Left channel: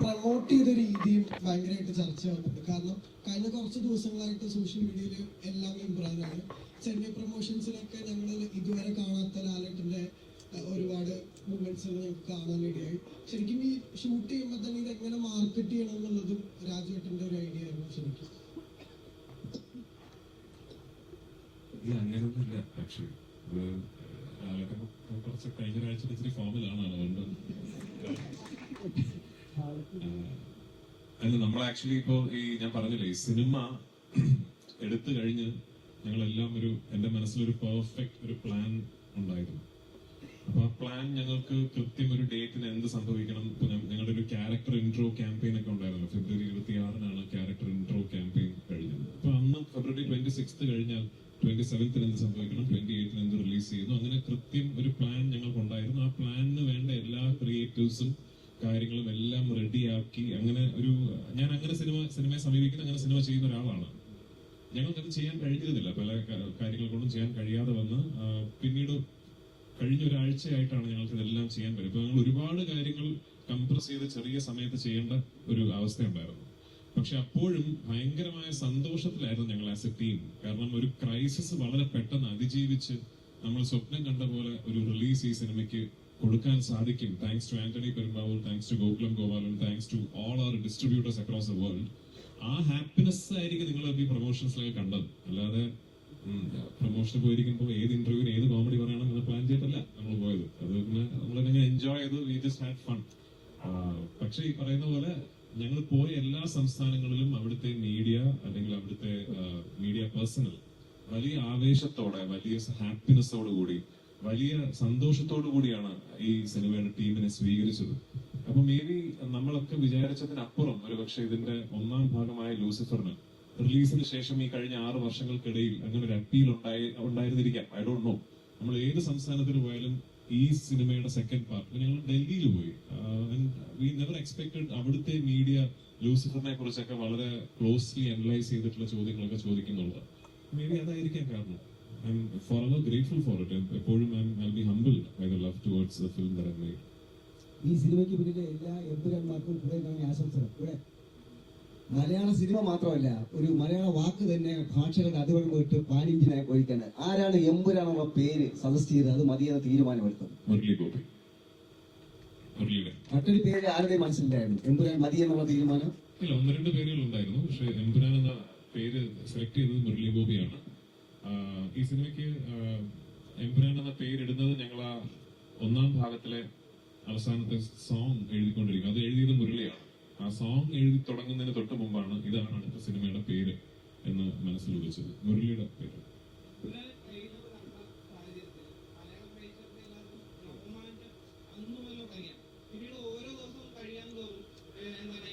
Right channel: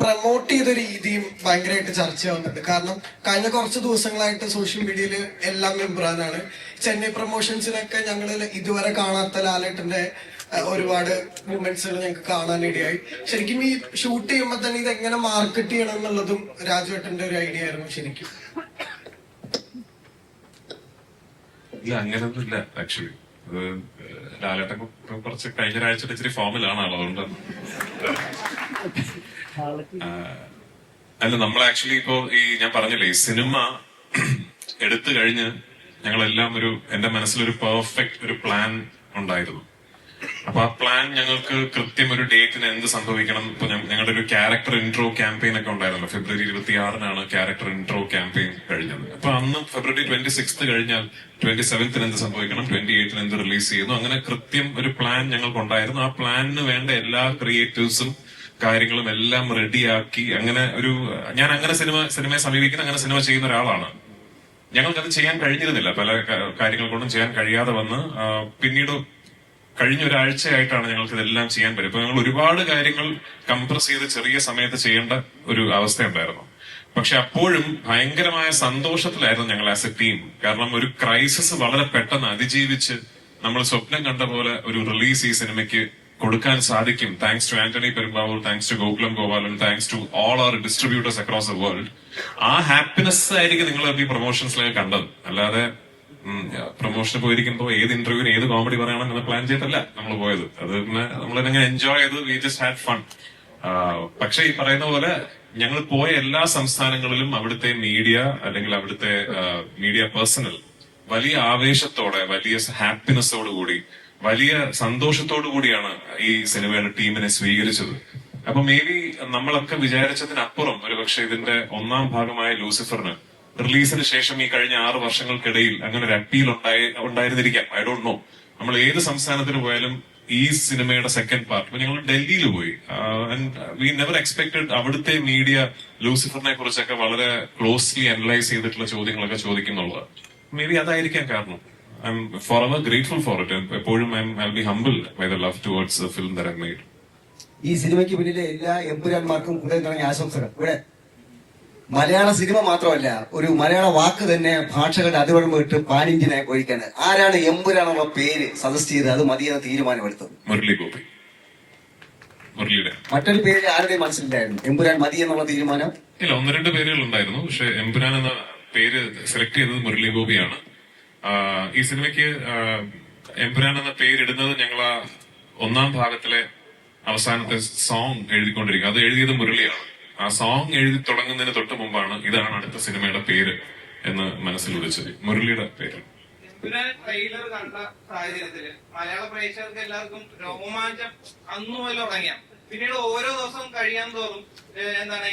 Promote ചെയ്ത രീതിയും ഭയങ്കരമായിട്ട് ചർച്ചയാവുന്നുണ്ട്. കാരണം കഴിഞ്ഞ കുറച്ച് ദിവസങ്ങളായിട്ട് സോഷ്യൽ മീഡിയയിൽ എല്ലാം ഇമ്രാനാണ്. ചെന്നൈ പ്രൊമോഷൻസിനൊക്കെ ഞങ്ങൾ ഇതുവരെ കാണാത്ത ലാലേട്ടന്റെ ഒരുപാട് മൂമെന്റ്സുകൾ ഞങ്ങൾക്ക് കാണാനിടയായി. ശരിക്കും ഈ ഷൂട്ട് ചെയ്യുമ്പോൾ തന്നെ ഇത് എങ്ങനെ മാർക്കറ്റ് ചെയ്യണം എന്നുള്ളതും രാജുവേട്ടന്റെ ഒരു ഐഡിയ ആയിരുന്നു ശരിക്കും. ഇല്ല, അങ്ങനൊന്നുമില്ല. ആക്ച്വലി അത് ലാലേട്ടൻ കുറച്ച് കഴിഞ്ഞ ഒരാഴ്ച ഇച്ചിരി ഫോമിലാണ് ആൾ. അതുകൊണ്ട് അല്ല, നമ്മൾ ആക്ച്വലി ഇപ്പോ ഈ ഞാൻ പറഞ്ഞില്ലേ, ഈ സിനിമ എടുത്തു കഴിഞ്ഞ് ഞങ്ങളെല്ലാം എന്റെ മനസ്സിലൊരു പെർഫെക്റ്റ് ഒരു പ്ലാൻ ഉണ്ടായിരുന്നു. അപ്പൊ ആ പ്ലാൻ ഞങ്ങൾക്ക് കൃത്യം ഒരു ഡേറ്റിന് എന്ത് സംഭവിക്കണം. ഇപ്പൊ ഞങ്ങളുടെ ഒരു ക്യാരക്ടർ ഇൻട്രോ ക്യാമ്പയിൻ ഒക്കെ ഉണ്ടായിരുന്നല്ലോ. ഫെബ്രുവരി 26-നാണ് ക്യാരക്ടർ ഇൻട്രോ ക്യാമ്പയിൻ കഴിഞ്ഞത്. അപ്പൊ അന്ന് ഫെബ്രുവരി 26 കഴിഞ്ഞാൽ 27 എന്ത് സംഭവിക്കണം, 28 എന്ത് റിലീസ് ചെയ്യുന്നു, അങ്ങനെ കൃത്യം ഒരു പ്ലാൻ ഞങ്ങൾക്കുണ്ടായിരുന്നു. ആ പ്ലാനിന് വേണ്ട എല്ലാ ക്രിയേറ്റീവ്സും കാര്യങ്ങളും എല്ലാം റെഡിയാക്കി ഞാൻ അങ്ങനെ സിനിമയെ സമീപിക്കുന്ന, അങ്ങനെ സിനിമ ചെയ്യുന്ന ഒരാളാണ്. ഞങ്ങൾക്കത് ചെയ്യാൻ കഴിഞ്ഞിരുന്നില്ല. പല കാര്യങ്ങൾ കൊണ്ടും ചെയ്യാൻ കഴിയാതെ വന്ന് പിന്നീട് കഴിഞ്ഞ ഒരാഴ്ചയായിട്ടാണ് ഞങ്ങൾക്ക് ഇതെല്ലാം ചെയ്യാൻ പറ്റും. ഇപ്പൊ ഞങ്ങൾ ഒരുപാട് കാര്യങ്ങൾ കംപ്രസ് ചെയ്ത് ചെറിയ സമയത്ത് ചെയ്യേണ്ട ഒരു അവസ്ഥയുണ്ടായിരുന്നു. പക്ഷെ അപ്പോഴും ഭയങ്കരമായ സന്തോഷത്തിലായിരുന്നു ഞങ്ങൾ ആസ് എ ടീം. കാരണം ഒരു ക്രൈസിസ് വളരെ പെട്ടെന്ന് അതിജീവിച്ച് നമ്മൾ സ്വപ്നം കണ്ട പോലെ ഒരു റിലീസ് ഈ സിനിമയ്ക്ക് കൊടുക്കാൻ സാധിക്കും. Thanks to Antony Perumbavoor, thanks to Gokulam Gopalan, thanks to all our distributors across the world. ആ ഹാപ്പിനെസ് ആയിരിക്കും നിങ്ങൾ ഈ പ്രൊമോഷൻസിലേക്ക് കണ്ടത്. അല്ലാതെ പ്രൊമോഷന് പോയിരിക്കുമ്പോ ഏത് ഇന്റർവ്യൂവിന് ഏത് കോമഡി പറയണം എന്ന് പ്ലാൻ ചെയ്തിട്ടല്ല നമ്മൾ പോയത്. അത് പിന്നെ നമ്മളെങ്ങനെ എൻജോയ് ചെയ്ത് വി ജസ്റ്റ് ഹാഡ് ഫൺ. പക്ഷെ ഈ പറയുന്ന പോലെ ഞങ്ങൾ പോയ എല്ലാ സംസ്ഥാനങ്ങളിലും അവിടുത്തെ മീഡിയ അല്ലെങ്കിൽ അവിടുത്തെ മീഡിയ പേഴ്സണൽ വലിയ ആവേശത്തോടെ, വലിയ ഹാപ്പിനെസ്സോടു കൂടി, വലിയ സന്തോഷത്തോടു കൂടിയാണ് ഈ സിനിമയുടെ ടീമിനെ സ്വീകരിച്ചത്. അപ്പൊ മേ ബി നമ്മളൊക്കെ വിചാരിച്ചതിനപ്പുറം ഒരുപക്ഷെ ഇതിന്റെ ഒന്നാം ഭാഗമായ ലൂസിഫറിന് റിലീസിന് ശേഷം ഈ കഴിഞ്ഞ 6 വർഷങ്ങൾക്കിടയിൽ അങ്ങനെ ഒരു അപ്പീൽ ഉണ്ടായിരുന്നിരിക്കാം. I don't know. നമ്മൾ ഏത് സംസ്ഥാനത്തിന് പോയാലും ഈ സിനിമയുടെ സെക്കൻഡ് പാർട്ട്, ഇപ്പൊ ഞങ്ങൾ ഡൽഹിയിൽ പോയി, വി നെവർ എക്സ്പെക്ടഡ് അവിടുത്തെ മീഡിയ ലൂസിഫറിനെ കുറിച്ചൊക്കെ വളരെ ക്ലോസ്ലി അനലൈസ് ചെയ്തിട്ടുള്ള ചോദ്യങ്ങളൊക്കെ ചോദിക്കുന്നുള്ളത്. മേ ബി അതായിരിക്കാം കാരണം. I M forever grateful for it. എപ്പോഴും I'll be humbled by the love towards the film that I've made. ഈ സിനിമയ്ക്ക് പിന്നിലെ എല്ലാ എമ്പുരാന്മാർക്കും കൂടുതൽ തുടങ്ങിയ ആശംസകൾ. ഇവിടെ മലയാള സിനിമ മാത്രമല്ല, ഒരു മലയാള വാക്ക് തന്നെ ഭാഷകളുടെ അതിർവരം വിട്ട് പാനിന്ത്യനായി ഒഴിക്കാൻ ആരാണ് എമ്പുരാനുള്ള പേര് സജസ്റ്റ് ചെയ്ത് അത് മതിയെന്ന തീരുമാനമെടുത്തത്? മുരളി ഗോപി. മറ്റൊരു പേര് ആരുടെയും മനസ്സിലായിരുന്നു എമ്പുരാൻ മതി എന്നുള്ള തീരുമാനം? ഇല്ല, 1-2 പേരുകൾ ഉണ്ടായിരുന്നു. പക്ഷെ എമ്പുരാൻ എന്ന പേര് സെലക്ട് ചെയ്തത് മുരളി ഗോപിയാണ്. ഈ സിനിമയ്ക്ക് എമ്പുരാൻ എന്ന പേരിടുന്നത് ഞങ്ങൾ ആ ഒന്നാം ഭാഗത്തിലെ അവസാനത്തെ സോങ് എഴുതിക്കൊണ്ടിരിക്കുക. അത് എഴുതിയത് മുരളിയാണ്. ആ സോങ് എഴുതി തുടങ്ങുന്നതിന് തൊട്ട് മുമ്പാണ് ഇതാണ് അടുത്ത സിനിമയുടെ പേര് എന്ന് മനസ്സിൽ ഉദിച്ചത്. മുരളിയുടെ പേര്. ട്രെയിലർ കണ്ട സാഹചര്യത്തില് മലയാള പ്രേക്ഷകർക്ക് എല്ലാവർക്കും രോമാഞ്ചം അന്നു പോലെ തുടങ്ങിയ, പിന്നീട് ഓരോ ദിവസവും കഴിയാൻ തോറും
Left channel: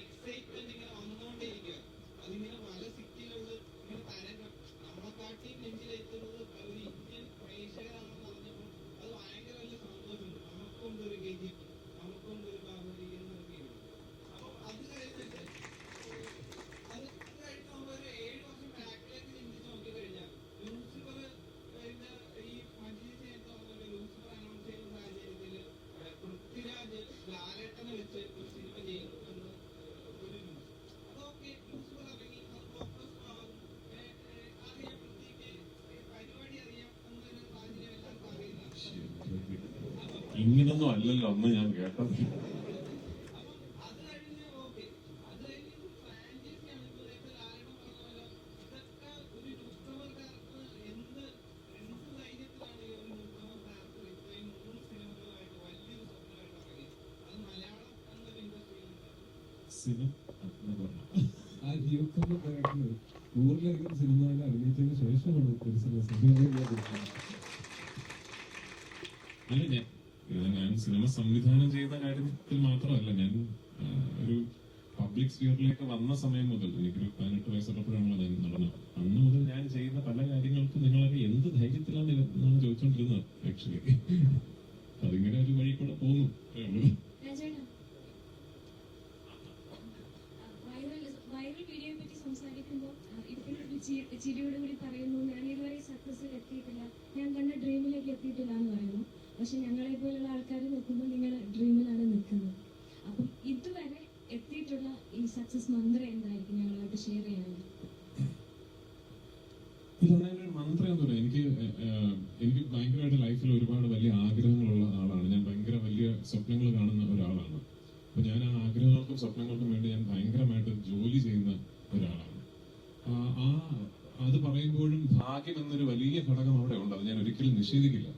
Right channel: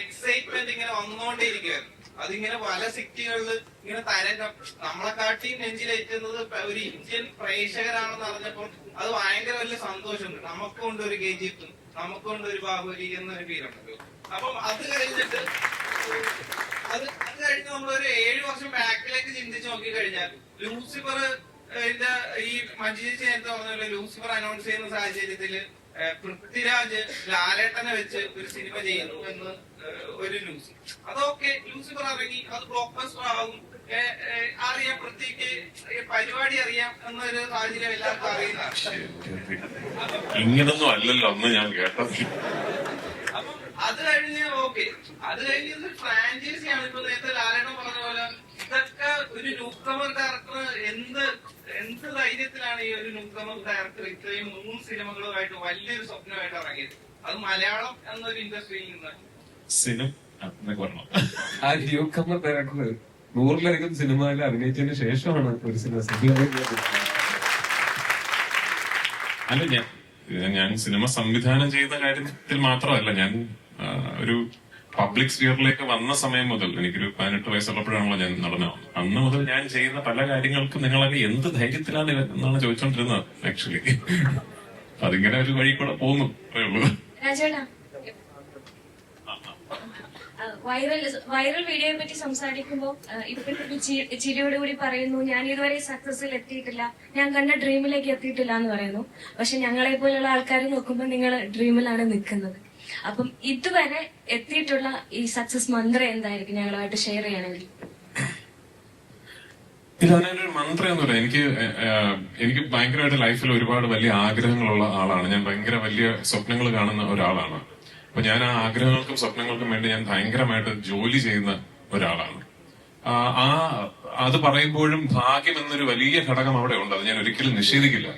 എക്സൈറ്റ്മെന്റ് ഇങ്ങനെ വന്നുകൊണ്ടേയിരിക്കുകയായിരുന്നു. അതിങ്ങനെ പല സിറ്റികളിൽ ഇങ്ങനെ തരംഗം നമ്മളെക്കാട്ടി നെഞ്ചിലേറ്റുന്നത് ഒരു ഇന്ത്യൻ പ്രേക്ഷകരാണെന്ന് അറിഞ്ഞപ്പോൾ അത് ഭയങ്കര വലിയ സന്തോഷമുണ്ട്. നമുക്കുണ്ട് ഒരു KGF, നമുക്കുണ്ട് ഒരു ബാഹുബലി എന്നൊരു ഫീലുണ്ട്. അപ്പം അത് കഴിഞ്ഞിട്ട് നമ്മളൊരു 7 വർഷം ബാക്കിലേക്ക് ചിന്തിച്ച് നോക്കി കഴിഞ്ഞാൽ ലൂസിഫർ ഈ മഞ്ജുചേച്ചി നേരത്തെ പറഞ്ഞ ലൂസിഫർ അനൗൺസ് ചെയ്യുന്ന സാഹചര്യത്തില് പൃഥ്വിരാജ് ലാലേട്ടനെ വെച്ച് ഒരു സിനിമ ചെയ്യുന്നു എന്ന് ഒരു ന്യൂസ്. അതൊക്കെ ലൂസിഫർ ഇറങ്ങി, അത് ബ്ലോക്ക് ബസ്റ്റർ ആകും, അറിയാം, പൃഥ്വിക്ക് പരിപാടി അറിയാം എന്നൊരു സാഹചര്യം എല്ലാവർക്കും അറിയുന്നതാണ്. ഇങ്ങനൊന്നും അല്ലല്ലോ അന്ന് ഞാൻ കേട്ടത്. അപ്പം അത് കഴിഞ്ഞ് അത് കഴിഞ്ഞത് ഫ്രാഞ്ചൈസിയാണ്. ഇപ്പൊ നേരത്തെ ലാലേട്ടൻ പറഞ്ഞ പോലെ ഇതൊക്കെ ഒരു ന്യൂക്കമർ ഡയറക്ടർ എന്ത് ധൈര്യത്തിലാണ് ഈ ഒരു ന്യൂക്കമർ ഡയറക്ടർ ഇത്രയും 3 സിനിമകളുമായിട്ട് വലിയൊരു സ്വപ്നമായിട്ട് ഇറങ്ങിയത്, അത് മലയാളം എന്നൊരു ഇൻഡസ്ട്രിയിൽ നിന്ന്. ആ ന്യൂക്കമർ ഡയറക്ടർ 100-ലധികം സിനിമയിൽ അഭിനയിച്ചതിന് ശേഷമാണ് ഒരു സിനിമ. അല്ല, ഞാൻ സിനിമ സംവിധാനം ചെയ്യുന്ന കാര്യത്തിൽ മാത്രമല്ല, ഞാൻ ഒരു പബ്ലിക് സ്ഫിയറിലേക്ക് വന്ന സമയം മുതൽ, എനിക്കൊരു 18 വയസ്സുള്ളപ്പോഴാണല്ലോ ഞാൻ നടനാവുന്നത്. അന്ന് മുതൽ ഞാൻ ചെയ്യുന്ന പല കാര്യങ്ങൾക്കും നിങ്ങളൊക്കെ എന്ത് ധൈര്യത്തിലാണ് എന്നാണ് ചോദിച്ചോണ്ടിരുന്നത് ആക്ച്വലി. അതിങ്ങനെ ഒരു വഴി കൂടെ പോകുന്നു. വൈറൽ വീഡിയോയെ പറ്റി സംസാരിക്കുമ്പോൾ ഇപ്പോഴത്തെ ചിരിയോടുകൂടി പറയുന്നു, ഞാൻ ഇതുവരെ സക്സസിൽ എത്തിയിട്ടില്ല, ഞാൻ കണ്ട ഡ്രീമിലേക്ക് എത്തിയിട്ടില്ല എന്ന് പറയുന്നു. പക്ഷെ ഞങ്ങളെ പോലുള്ള ആൾക്കാർ നോക്കുമ്പോൾ നിങ്ങൾ ഡ്രീമിലാണ് നിൽക്കുന്നത്. അപ്പം ഇതുവരെ എത്തിയിട്ടുള്ള ഈ സക്സസ് മന്ത്രം എന്തായിരിക്കും ഞങ്ങളുമായിട്ട് ഷെയർ ചെയ്യണമെങ്കിൽ? ഇല്ല, അതിനൊരു മന്ത്രമൊന്നുമില്ല. എനിക്ക് ഭയങ്കരമായിട്ട് ലൈഫിൽ ഒരുപാട് വലിയ ആഗ്രഹങ്ങളുള്ള ആളാണ് ഞാൻ. ഭയങ്കര വലിയ സ്വപ്നങ്ങൾ കാണുന്ന ഒരാളാണ്. അപ്പൊ ഞാൻ ആ ആഗ്രഹങ്ങൾക്കും സ്വപ്നങ്ങൾക്കും വേണ്ടി ഞാൻ ഭയങ്കരമായിട്ട് ജോലി ചെയ്യുന്ന ഒരാളാണ്. അത് പറയുമ്പോഴും ഭാഗ്യം എന്നൊരു വലിയ ഘടകം അവിടെ ഉണ്ട്. അത് ഞാൻ ഒരിക്കലും നിഷേധിക്കില്ല.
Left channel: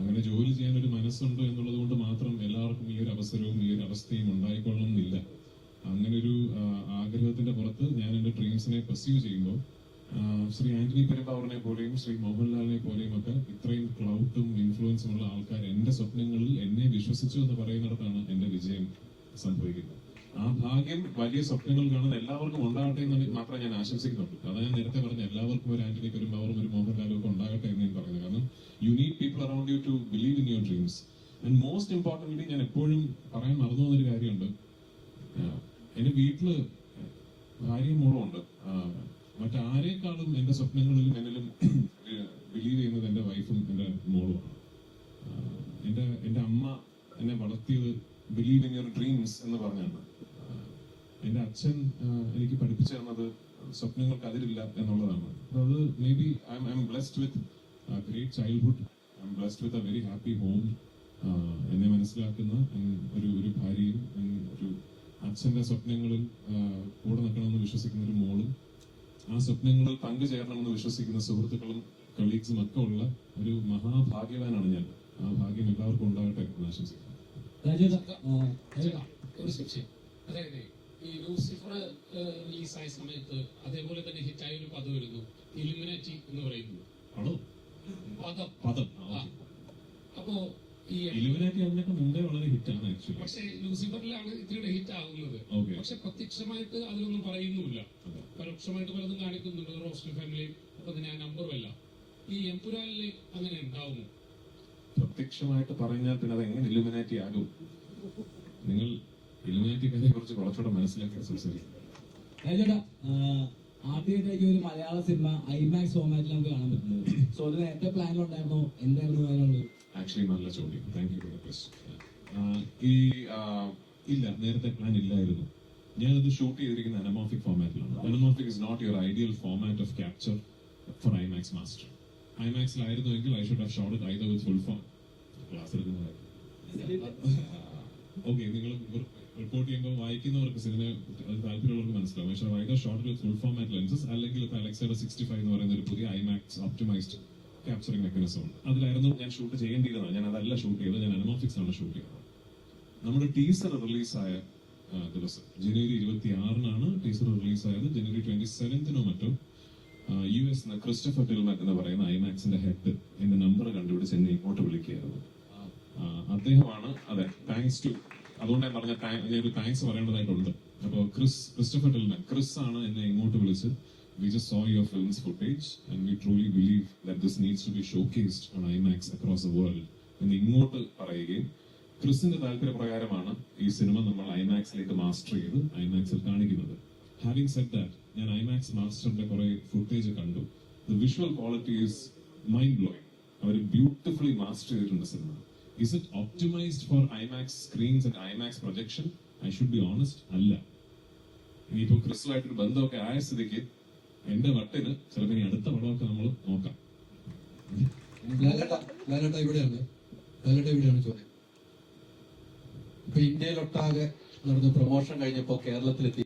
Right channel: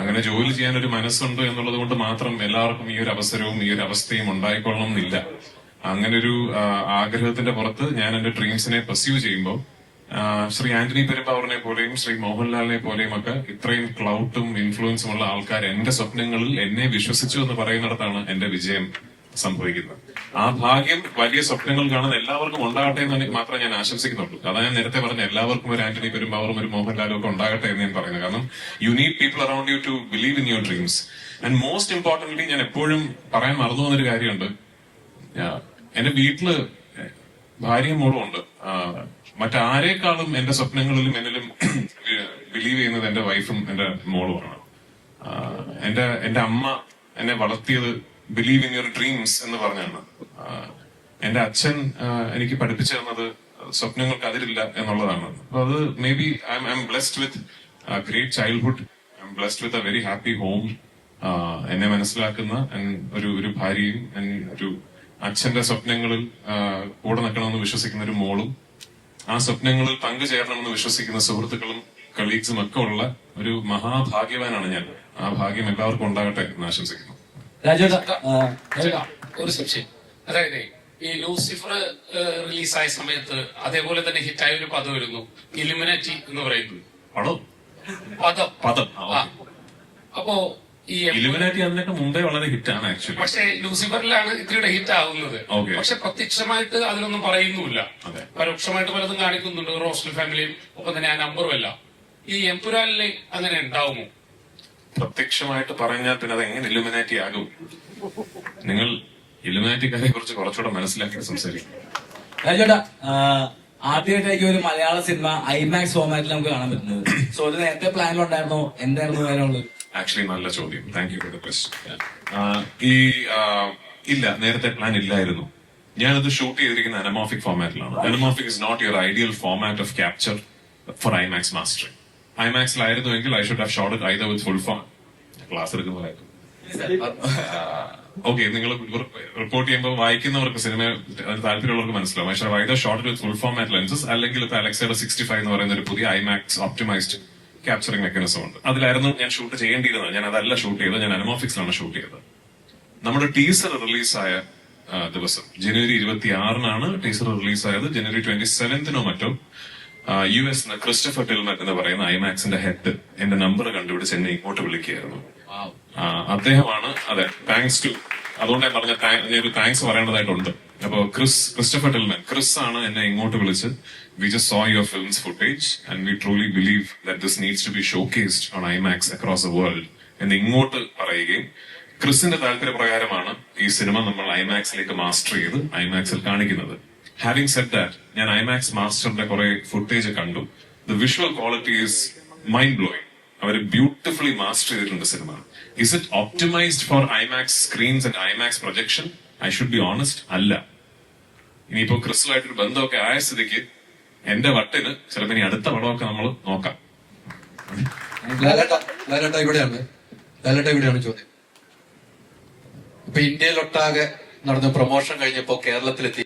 അങ്ങനെ ജോലി ചെയ്യാൻ ഒരു മനസ്സുണ്ട് എന്നുള്ളത് കൊണ്ട് മാത്രം എല്ലാവർക്കും ഈ ഒരു അവസരവും ഈ ഒരു അവസ്ഥയും ഉണ്ടായിക്കൊള്ളണം എന്നില്ല. അങ്ങനെ ഒരു ആഗ്രഹത്തിന്റെ പുറത്ത് ഞാൻ എന്റെ ഡ്രീംസിനെ പെർസ്യൂ ചെയ്യുമ്പോൾ ശ്രീ ആന്റണി പെരുമ്പാവൂരിനെ പോലെയും ശ്രീ മോഹൻലാലിനെ പോലെയും ഒക്കെ ഇത്രയും ക്ലൗട്ടും ഇൻഫ്ലുവൻസും ഉള്ള ആൾക്കാർ എന്റെ സ്വപ്നങ്ങളിൽ എന്നെ വിശ്വസിച്ചു എന്ന് പറയുന്നിടത്താണ് എന്റെ വിജയം സംഭവിക്കുന്നത്. ആ ഭാഗ്യം വലിയ സ്വപ്നങ്ങൾ കാണുന്ന എല്ലാവർക്കും ഉണ്ടാകട്ടെ എന്ന് മാത്രമേ ഞാൻ ആശംസിക്കുന്നുള്ളൂ. അതാണ് ഞാൻ നേരത്തെ പറഞ്ഞ എല്ലാവർക്കും ഒരു ആന്റണി പെരുമ്പാവൂറും ഒരു മോഹൻലാലും ഒക്കെ ഉണ്ടാകട്ടെ എന്ന് ഞാൻ പറയുന്നത്. കാരണം you need people around you to believe in your dreams. And most importantly ഞാൻ എപ്പോഴും പറയാൻ മറന്നു പോകുന്നൊരു കാര്യമുണ്ട്. എന്റെ വീട്ടില് ഭാര്യയും മോളും ഉണ്ട്. മറ്റാരേക്കാളും എന്റെ സ്വപ്നങ്ങളിലും എന്നിലും ബിലീവ് ചെയ്യുന്നത് എന്റെ വൈഫും എന്റെ മോളുമാണ്. എന്റെ അമ്മ എന്നെ വളർത്തിയത് ബിലീവ് ഇൻ യുവർ ഡ്രീംസ് എന്ന് പറഞ്ഞാണ്. എന്റെ അച്ഛൻ എനിക്ക് പഠിപ്പിച്ചു തന്നത് സ്വപ്നങ്ങൾക്ക് അതിരില്ല എന്നുള്ളതാണ്. അപ്പൊ അത് may be I M blessed with great childhood. I M blessed with a very happy home. എന്നെ മനസ്സിലാക്കുന്ന ഒരു ഭാര്യയും ഒരു അച്ഛന്റെ സ്വപ്നങ്ങളിൽ കൂടെ നിൽക്കണമെന്ന് വിശ്വസിക്കുന്ന ഒരു മോളും ആ സ്വപ്നങ്ങളിൽ പങ്കുചേരണമെന്ന് വിശ്വസിക്കുന്ന സുഹൃത്തുക്കളും കളീഗ്സും ഒക്കെ ഉള്ള ഒരു മഹാഭാഗ്യവാനാണ് ഞാൻ. ആ ഭാഗ്യം എല്ലാവർക്കും ഉണ്ടാകട്ടെ എന്ന് ആശംസിക്കുന്നു. ഒരു സംശയം, അതായത് ഈ ലൂസിഫർ റിലീസായ സമയത്ത് അതേപോലെ തന്നെ ഹിറ്റായ ഒരു പദം വരുന്നു, ഇലുമിനാറ്റി എന്ന് പറയുന്നത്. പദം. അപ്പോ ഈ ഇലുമിനാറ്റി അതിനൊക്കെ മുമ്പേ വളരെ ഹിറ്റാണ് ആക്ച്വലി. പക്ഷെ ലൂസിഫറിലാണ് ഇത്തിരിയുടെ ഹിറ്റ് ആവുന്നത്. പക്ഷെ പ്രത്യക്ഷമായിട്ട് അതിലൊന്നും പറയുന്നുമില്ല. പരോക്ഷമായിട്ട് പലതും കാണിക്കുന്നുണ്ട്, റോസ്റ്റൽ ഫാമിലിയും ഒപ്പം തന്നെ ആ നമ്പറും എല്ലാം. ഈ എംപുരാനിലെ അങ്ങനെ ഉണ്ടാവുമോ? പ്രത്യക്ഷമായിട്ട് പറഞ്ഞാൽ പിന്നെ അത് എങ്ങനെ ഇലുമിനാറ്റി ആകും? നിങ്ങൾ ഇലുമിനാറ്റിക്കാരെ കുറിച്ച് കുറച്ചുകൂടെ മനസ്സിലാക്കി സംസാരിക്കും. രാജേട്ടാ, ആദ്യമായിട്ടായിരിക്കും ഒരു മലയാള സിനിമ ഐമാക്സ് ഫോർമാറ്റിൽ നമുക്ക് കാണാൻ പറ്റുന്നത്. സോ ഇത് നേരത്തെ പ്ലാനിലുണ്ടായിരുന്നോ? എന്തായിരുന്നു അതിനുള്ളത്? ആക്ച്വലി നല്ല ചോദ്യം. Thank you for the question. ഇല്ല, നേരത്തെ പ്ലാൻ ഇല്ലായിരുന്നു. ഞാനത് ഷൂട്ട് ചെയ്തിരിക്കുന്ന അനമോഫിക് ഫോർമാറ്റിലാണ്. Anamorphic is not your ideal format of capture for IMAX mastering. ഐമാക്സിലായിരുന്നുവെങ്കിൽ I should have shot it either with full form. Class എടുക്കുന്നതായിരുന്നു. ഓക്കെ, നിങ്ങൾ റിപ്പോർട്ട് ചെയ്യുമ്പോൾ വായിക്കുന്നവർക്ക് സിനിമ താല്പര്യമുള്ളവർക്ക് മനസ്സിലാവും. പക്ഷേ either shot with full format lenses അല്ലെങ്കിൽ ഇപ്പൊ അലക്സയുടെ 65 എന്ന് പറയുന്ന ഒരു പുതിയ ഐമാക്സ് ഓപ്റ്റിമൈസ്ഡ് ക്യാപ്ചറിംഗ് മെക്കാനിസം ഉണ്ട്. അതിലായിരുന്നു ഞാൻ ഷൂട്ട് ചെയ്യേണ്ടിയിരുന്നത്. ഞാൻ അതല്ല ഷൂട്ട് ചെയ്തത്, ഞാൻ അനമോഫിക്സിലാണ് ഷൂട്ട് ചെയ്തത്. നമ്മുടെ ടീസർ റിലീസായ ദിവസം ജനുവരി 26-നാണ് ടീസർ റിലീസായത്. ജനുവരി 27-നോ മറ്റോ US ക്രിസ്റ്റഫർ ടിൽമൻ എന്ന് പറയുന്ന ഐമാക്സിന്റെ ഹെഡ് എന്റെ നമ്പർ കണ്ടുപിടിച്ച് എന്നെ ഇങ്ങോട്ട് വിളിക്കുകയായിരുന്നു. അദ്ദേഹമാണ്. അതെ, താങ്ക്സ് ടു. അതുകൊണ്ട് ഞാൻ പറഞ്ഞ ഒരു താങ്ക്സ് പറയേണ്ടതായിട്ടുണ്ട്. അപ്പോ ക്രിസ്റ്റഫർ ടിൽമൻ, ക്രിസ് ആണ് എന്നെ ഇങ്ങോട്ട് വിളിച്ച് we just saw your film's footage and we truly believe that this needs to be showcased on IMAX across the world എന്ന് ഇങ്ങോട്ട് പറയുകയും ക്രിസിന്റെ താല്പര്യപ്രകാരമാണ് ഈ സിനിമ നമ്മൾ ഐമാക്സിലേക്ക് മാസ്റ്റർ ചെയ്ത് ഐമാക്സിൽ കാണിക്കുന്നത്. ഹാവിംഗ് സെഡ് ദാറ്റ്, ഞാൻ ഐമാക്സ് മാസ്റ്ററിന്റെ കുറെ ഫുട്ടേജ് കണ്ടു. The visual quality is mind blowing. അവർ ബ്യൂട്ടിഫുള്ളി മാസ്റ്റർ ചെയ്തിട്ടുണ്ട് cinema. Is it optimised for IMAX screens and IMAX projection? I should be honest, അല്ല. ഇനിയിപ്പോ ക്രിസ്തുമായിട്ടൊരു ബന്ധമൊക്കെ ആയ സ്ഥിതിക്ക് എന്റെ വട്ടിന് ചിലപ്പോ ഇനി അടുത്ത പടമൊക്കെ നമ്മൾ നോക്കാം. ഇവിടെയാണ് ചോദ്യം. ഇപ്പൊ ഇന്ത്യയിലൊട്ടാകെ നടന്ന പ്രൊമോഷൻ കഴിഞ്ഞപ്പോ കേരളത്തിലെത്തി